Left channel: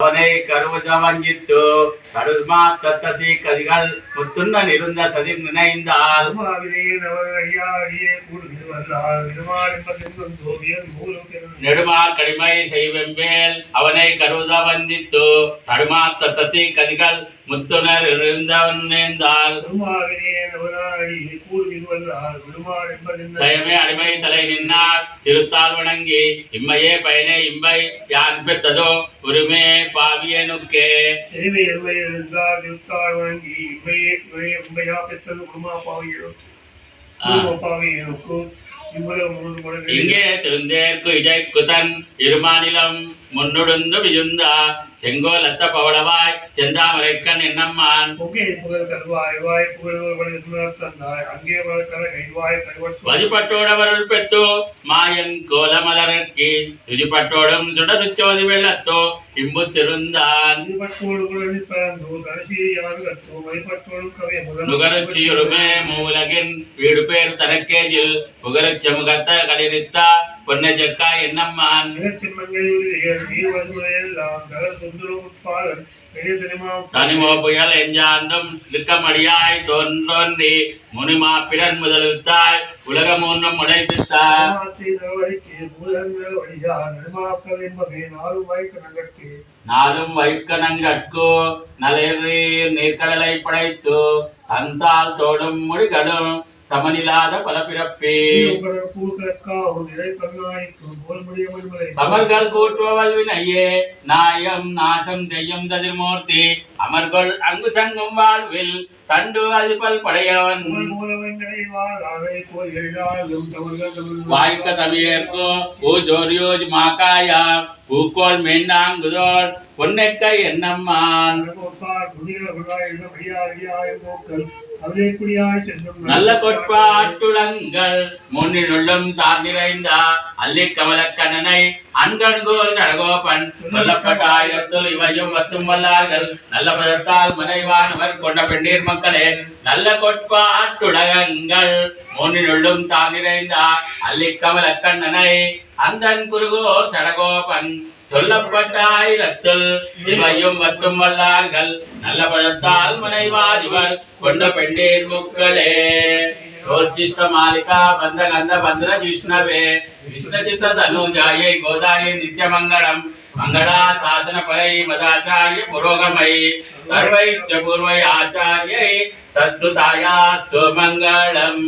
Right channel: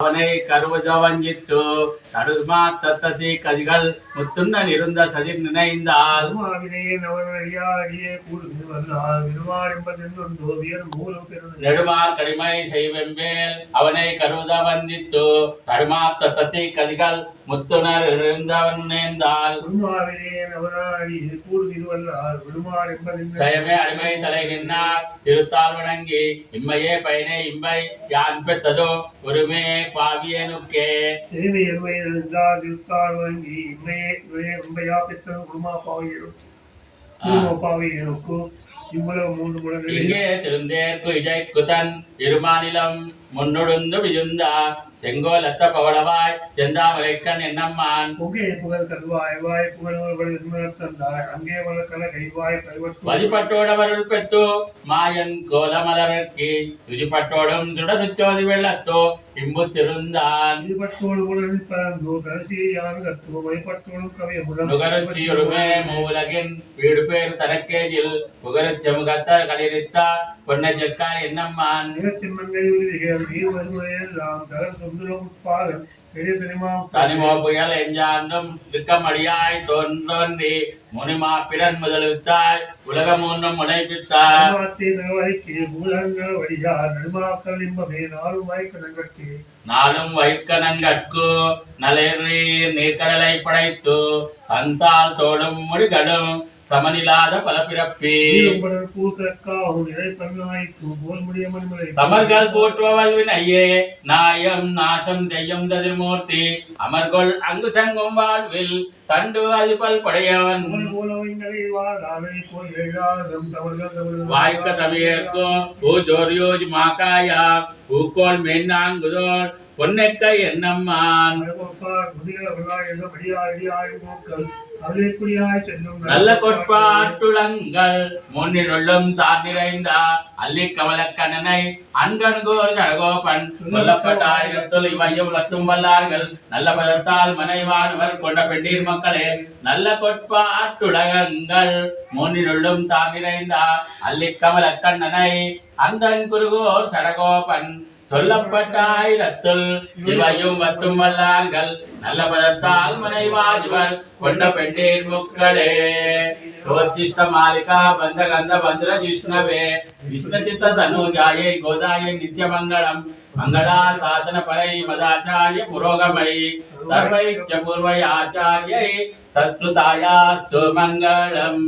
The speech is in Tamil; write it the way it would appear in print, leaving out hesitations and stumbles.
அவனை கருவத வஞ்சித்து தடுமா தத்ததி கதிகள் முத்துண்ண நிருந்த சதிர் நினைந்தால் நெடுமார் கடிமை செய்வெம்பேல் அவனை கருவத வந்தித்து தடுமா தத்ததி கதிகள் முத்துணர் இருந்தவன் நேர்ந்தால் சயமே அடிமை தலை நின்னார் திருத்தால் வணங்கி இம்மையே பயனே இம்பை யான் பெற்றதோ ஒருமே பாவியனுக்கே திருத்தால் வணங்கி இம்மையே இம்பையா பெற்றது குடுமா பாவியனுக்கு இங்கே திருந்தேற்கு இஜைக்குதன் இருமாநிலம் முன்னொடுந்து விஜுந்தா செங்கோல் அத்த பவளவாய் செந்தாமரைக்கண் என்னம்மான் வதிப்பட்டோடவருள் பெத்தோ மாயன் கோலமலர்க்கி துதிப்பட்டோடும் சுடருச்சோதி வெள்ளத்தோ இம்பு திருந்தான் நுகருச்சியுடுமே மூலகின் வீடு பேர் தனக்கேஜில் புகருச்ச முகத்த களிரித்தா பொன்ன ஜக்கா என்னம்மான் தனிமோ புயல் எஞ்சாந்தும் திக்கமடியாய் தோன்றி முனிமா பிறன் முதலுத்தாய் உலகம் ஒன்றும் முனைப்பித்தார் நாளும் வைக்கணங்கட்கு நலீர் நீர்க்கடலை படைத்து தந்தால் தோடும் முடிகடும் சமனில்லாத பல பிறப்பே தமர்கள் போற்றுவல் வினையே நாயம் நாசம் செய்யும் ததிர்மூர்த்தி அமர்கள் அங்கு சங்கும் வாழ்வில் தண்டு அதிபல் படையவன் வாய்க்க தமிழர்க்கும் பூஜோரியோஜ் மாக்காயா பூக்கோள் மென்னாங்குதோள் பொன்னைக்க என்னம்மான் நல்ல கொட்பாட்டுளங்கள் முன்னினுள்ளும் தாண்டிரைந்தா அல்லி கமலக்கண்ணனை அன்கண்கோர் ஜடகோபன் சொல்லப்பட்ட ஆயிரத்துள் இவையும் வத்தும் வல்லார்கள் நல்ல பதத்தால் மனைவானவர் கொண்ட பெண்டீர் மக்களே நல்ல கொட்பாட்டுலகங்கள் முன்னினுள்ளும் தாண்டிரைந்தா அல்லி கமலக்கண்ணனை அந்தன் குருகோர் சடகோபன் சொல்லப்பட்ட ஆயிரத்துள் இவையும் வத்தும் வல்லார்கள் நல்ல பதத்தால் மனைவாதிவர் கொண்ட பெண்டீர் முக்களே சோச்சிஷ்ட மாலிகா பந்த கந்த பந்திர விஷ்ணவே விஷ்ணச்சித்த தனுஜாயை கோதாயை நித்யமங்கலம் மங்களா சாசன பரை மதாச்சாரிய புரோகமை சர்வைச்ச பூர்வை ஆச்சாரியை சத்ருதாயாஸ்து மங்களம்.